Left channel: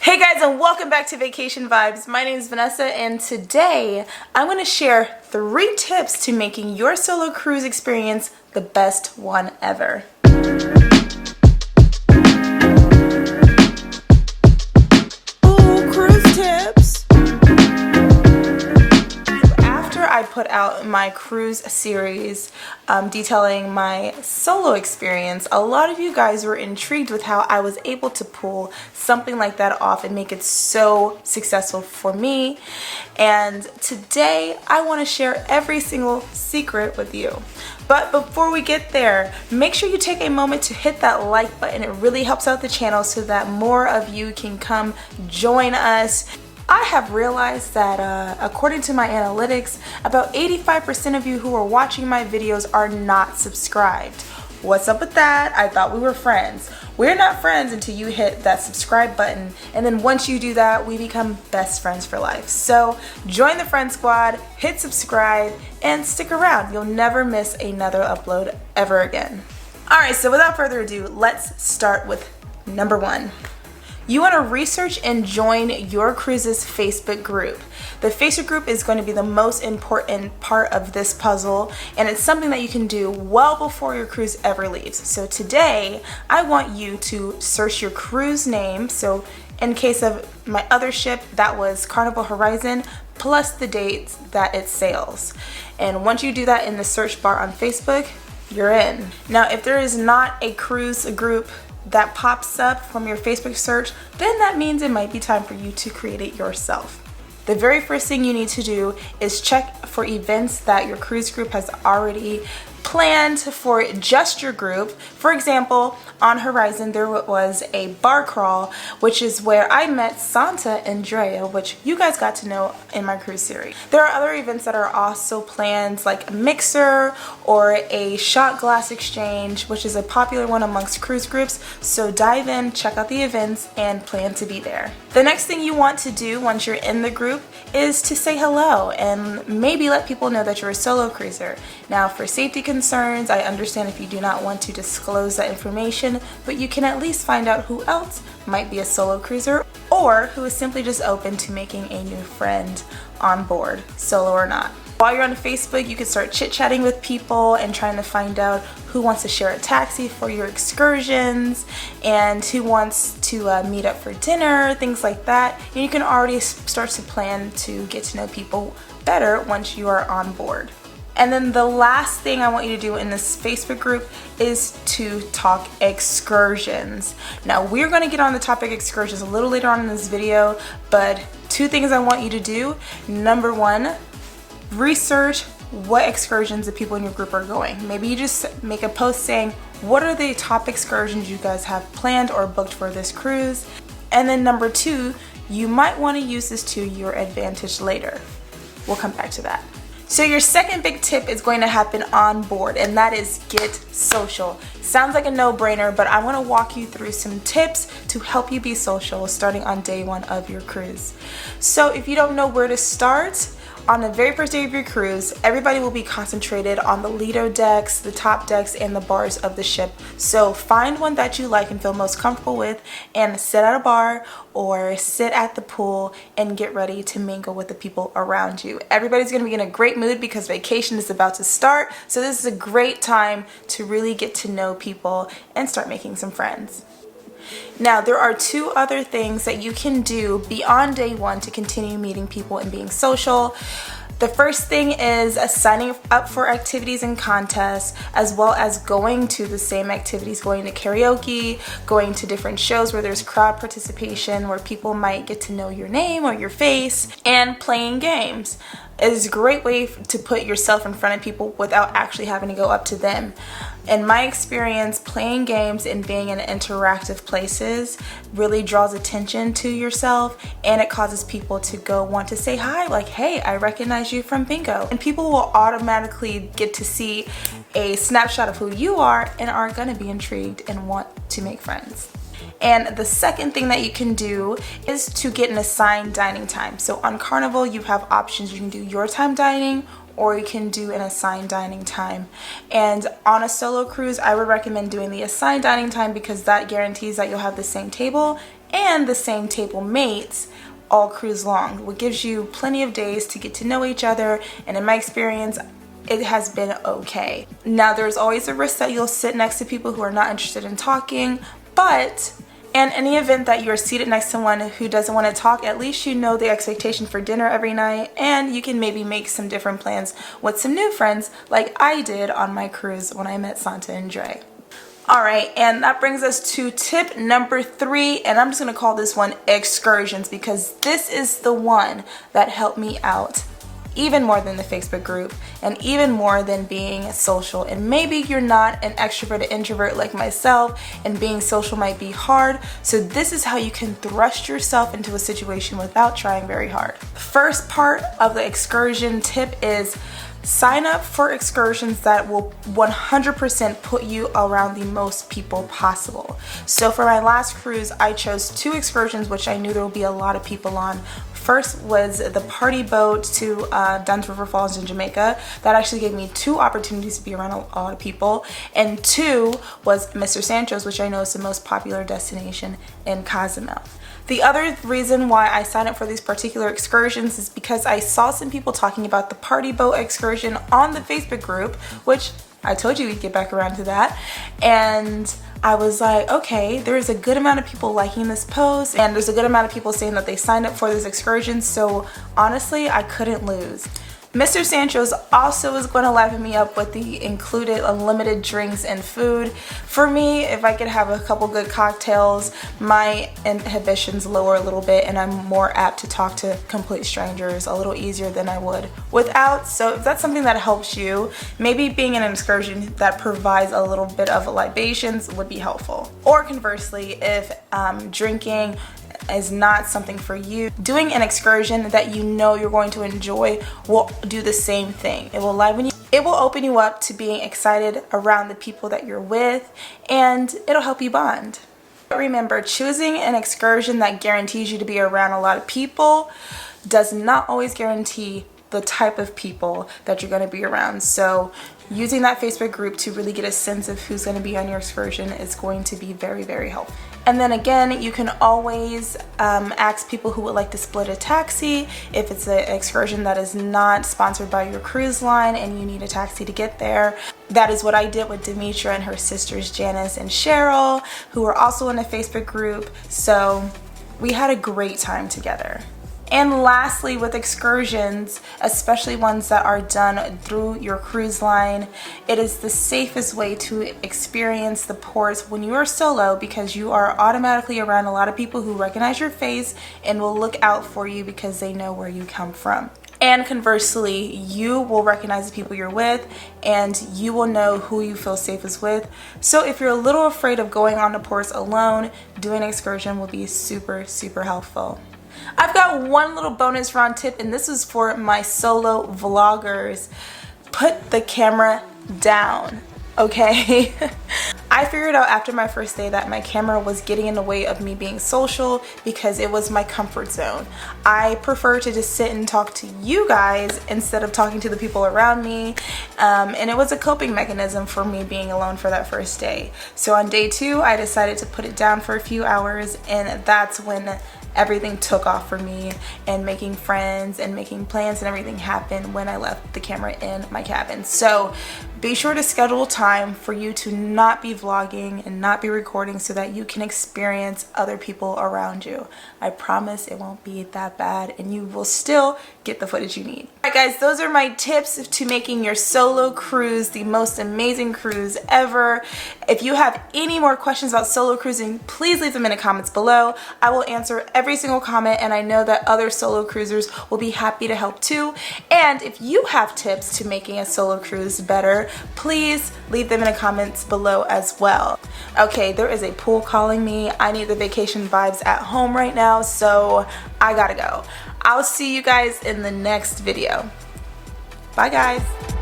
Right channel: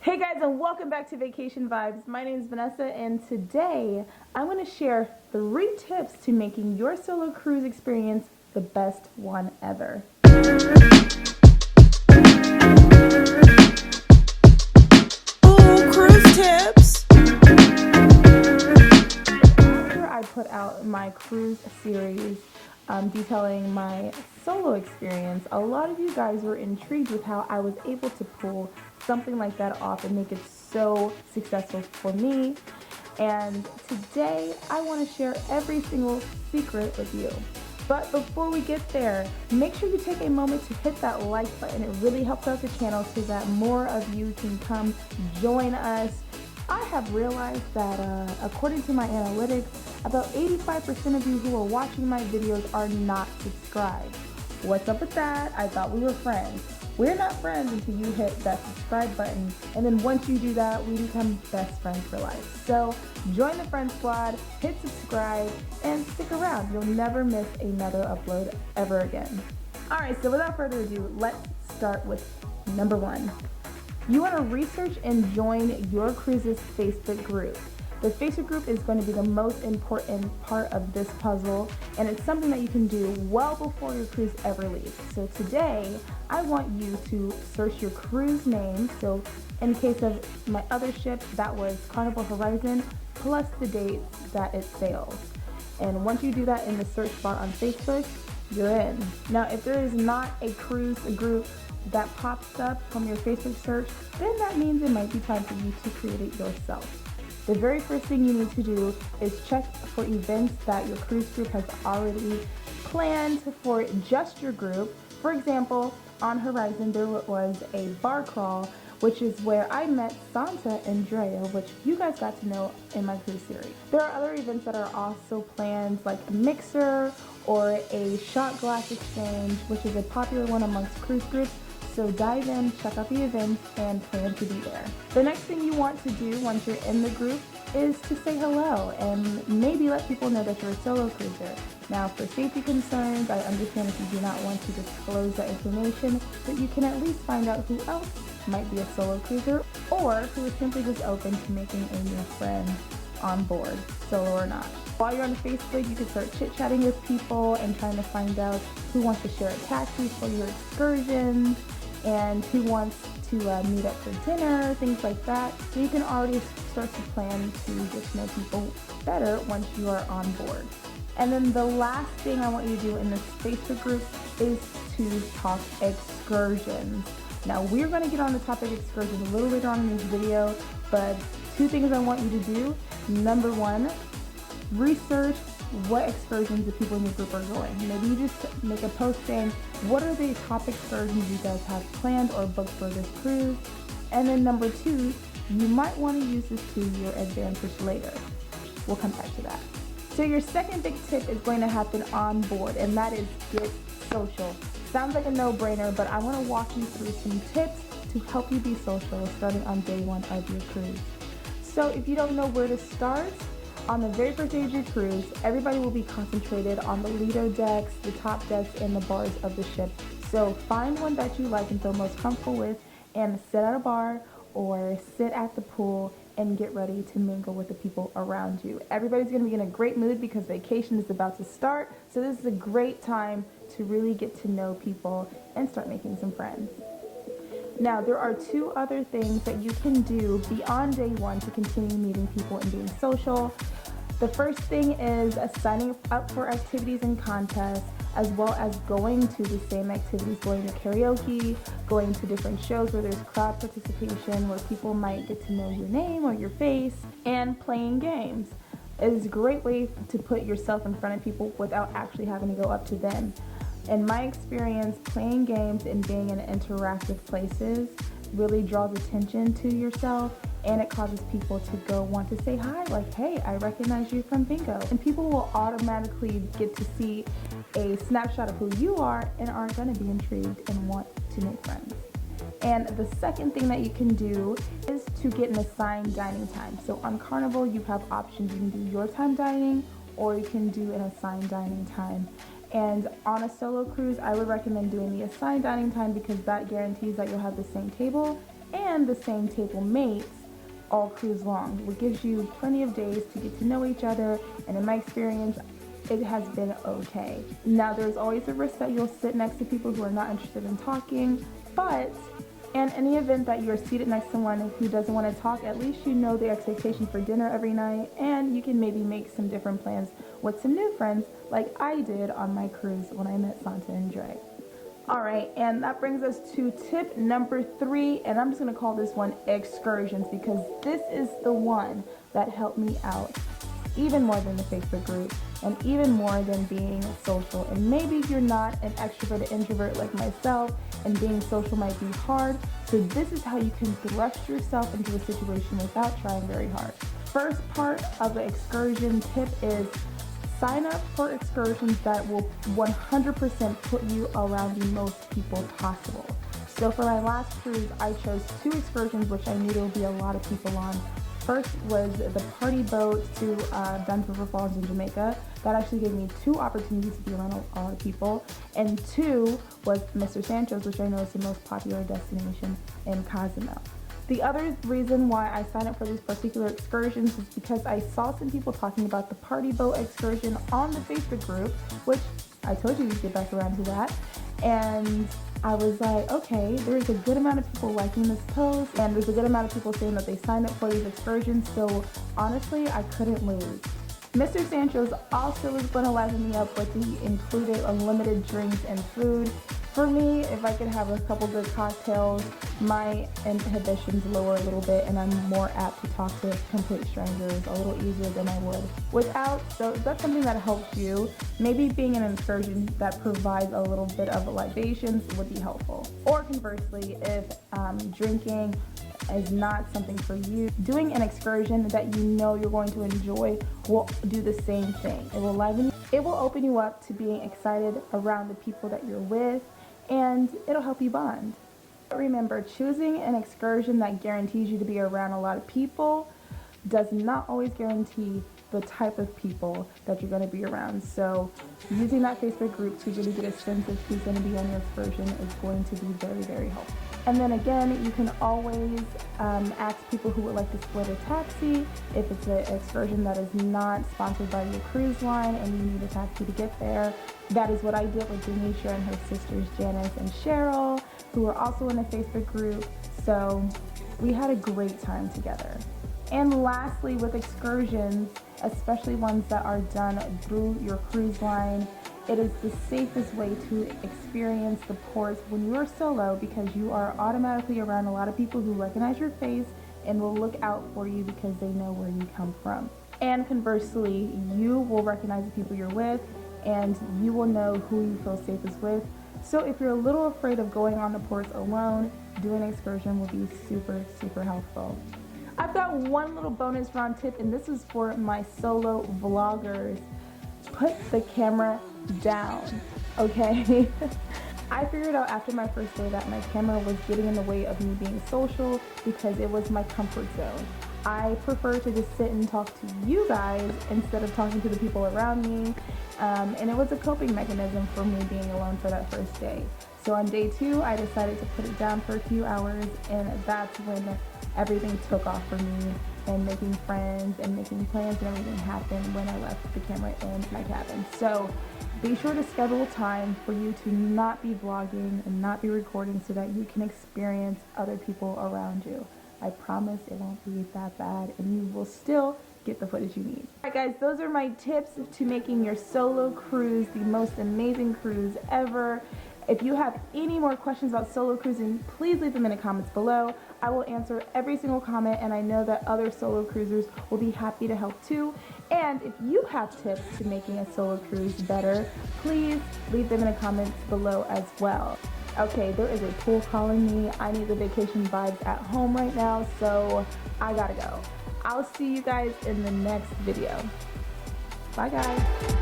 Hey guys, and welcome back to Vacation Vibes. My name is Vanessa, and today I'm going to share 3 tips to making your solo cruise experience the best one ever. Ooh, cruise tips! After I put out my cruise series detailing my solo experience, a lot of you guys were intrigued with how I was able to pull something like that off and make it so successful for me. And today I want to share every single secret with you. But before we get there, make sure you take a moment to hit that like button. It really helps out the channel so that more of you can come join us. I have realized that according to my analytics, about 85% of you who are watching my videos are not subscribed. What's up with that? I thought we were friends. We're not friends until you hit that subscribe button, and then once you do that, we become best friends for life. So join the friend squad, hit subscribe, and stick around. You'll never miss another upload ever again. Alright, so without further ado, let's start with number 1. You want to research and join your cruise's Facebook group. The Facebook group is going to be the most important part of this puzzle, and it's something that you can do well before your cruise ever leaves. So today, I want you to search your cruise name. So in case of my other ship, that was Carnival Horizon, plus the dates that it sails. And once you do that in the search bar on Facebook, you're in. Now, if there is not a cruise group that pops up from your Facebook search, then that means it might be time for you to create it yourself. The very first thing you need to do is check for events that your cruise group has already planned for just your group. For example, on Horizon there was a bar crawl, which is where I met Santa and Drea, which you guys got to know in my cruise series. There are other events that are also planned, like a mixer or a shot glass exchange, which is a popular one amongst cruise groups. So dive in, check out the events, and plan to be there. The next thing you want to do once you're in the group is to say hello and maybe let people know that you're a solo cruiser. Now, for safety concerns, I understand if you do not want to disclose that information, but you can at least find out who else might be a solo cruiser or who is simply just open to making a new friend on board, solo or not. While you're on Facebook, you can start chit-chatting with people and trying to find out who wants to share a taxi for your excursions and who wants to meet up for dinner, things like that. And you can already start to plan to get to know people better once you are on board. And then the last thing I want you to do in this Facebook group is to talk excursions. Now, we're going to get on the topic excursions a little later on in this video, but 2 things I want you to do. Number 1, research what excursions the people in your group are going. Maybe you just make a post saying, what are the top excursions you guys have planned or booked for this cruise? And then number 2, you might want to use this to your advantage later. We'll come back to that. So your second big tip is going to happen on board, and that is get social. Sounds like a no-brainer, but I want to walk you through some tips to help you be social starting on day 1 of your cruise. So if you don't know where to start, on the very first day of your cruise, everybody will be concentrated on the Lido decks, the top decks, and the bars of the ship. So find one that you like and feel most comfortable with and sit at a bar or sit at the pool and get ready to mingle with the people around you. Everybody's going to be in a great mood because vacation is about to start. So this is a great time to really get to know people and start making some friends. Now, there are 2 other things that you can do beyond day 1 to continue meeting people and being social. The first thing is signing up for activities and contests, as well as going to the same activities, going to karaoke, going to different shows where there's crowd participation, where people might get to know your name or your face, and playing games. It is a great way to put yourself in front of people without actually having to go up to them. In my experience, playing games and being in interactive places really draws attention to yourself, and it causes people to go want to say hi, like, hey, I recognize you from bingo. And people will automatically get to see a snapshot of who you are and are gonna be intrigued and want to make friends. And the second thing that you can do is to get an assigned dining time. So on Carnival, you have options. You can do your time dining, or you can do an assigned dining time. And on a solo cruise, I would recommend doing the assigned dining time because that guarantees that you'll have the same table and the same table mates all cruise long, which gives you plenty of days to get to know each other, and in my experience, it has been okay. Now, there's always a risk that you'll sit next to people who are not interested in talking, but in any event that you're seated next to someone who doesn't want to talk, at least you know the expectation for dinner every night, and you can maybe make some different plans with some new friends like I did on my cruise when I met Santa and Dre. Alright, and that brings us to tip number 3, and I'm just going to call this one excursions, because this is the one that helped me out even more than the Facebook group and even more than being social. And maybe you're not an extrovert or introvert like myself, and being social might be hard, so this is how you can thrust yourself into a situation without trying very hard. First part of the excursion tip is sign up for excursions that will 100% put you around the most people possible. So for my last cruise, I chose 2 excursions which I knew there would be a lot of people on. First was the party boat to Dunn's River Falls in Jamaica. That actually gave me 2 opportunities to be around a lot of people. And 2 was Mr. Sancho's, which I know is the most popular destination in Cozumel. The other reason why I signed up for these particular excursions is because I saw some people talking about the party boat excursion on the Facebook group, which I told you we'd get back around to that, and I was like, okay, there's a good amount of people liking this post, and there's a good amount of people saying that they signed up for this excursion, so honestly, I couldn't lose. Mr. Sancho's also is going to liven me up with the included unlimited drinks and food. For me, if I could have a couple good cocktails, my inhibitions lower a little bit and I'm more apt to talk to complete strangers a little easier than I would without. So if that's something that helps you, maybe being in an excursion that provides a little bit of libations would be helpful. Or conversely, if drinking is not something for you, doing an excursion that you know you're going to enjoy will do the same thing. It will liven you, it will open you up to being excited around the people that you're with, and it'll help you bond. But remember, choosing an excursion that guarantees you to be around a lot of people does not always guarantee the type of people that you're going to be around. So using that Facebook group to really get a sense of who's going to be on your excursion is going to be very, very helpful. And then again, you can always ask people who would like to split a taxi if it's an excursion that is not sponsored by your cruise line and you need a taxi to get there. That is what I did with Demetra and her sisters Janice and Cheryl, who were also in a Facebook group. So we had a great time together. And lastly, with excursions, especially ones that are done through your cruise line, it is the safest way to experience the ports when you are solo, because you are automatically around a lot of people who recognize your face and will look out for you because they know where you come from. And conversely, you will recognize the people you're with and you will know who you feel safest with. So if you're a little afraid of going on the ports alone, doing an excursion will be super, super helpful. I've got one little bonus round tip, and this is for my solo vloggers. Put the camera down, okay? I figured out after my first day that my camera was getting in the way of me being social because it was my comfort zone. I prefer to just sit and talk to you guys instead of talking to the people around me, and it was a coping mechanism for me being alone for that first day. So on day 2, I decided to put it down for a few hours, and that's when everything took off for me, and making friends and making plans and everything happened when I left the camera in my cabin. So be sure to schedule time for you to not be vlogging and not be recording so that you can experience other people around you. I promise it won't be that bad and you will still get the footage you need. Alright guys, those are my tips to making your solo cruise the most amazing cruise ever. If you have any more questions about solo cruising, please leave them in the comments below. I will answer every single comment, and I know that other solo cruisers will be happy to help too. And if you have tips to making a solo cruise better, please leave them in the comments below as well. Okay, there is a pool calling me. I need the vacation vibes at home right now, so I gotta go. I'll see you guys in the next video. Bye guys.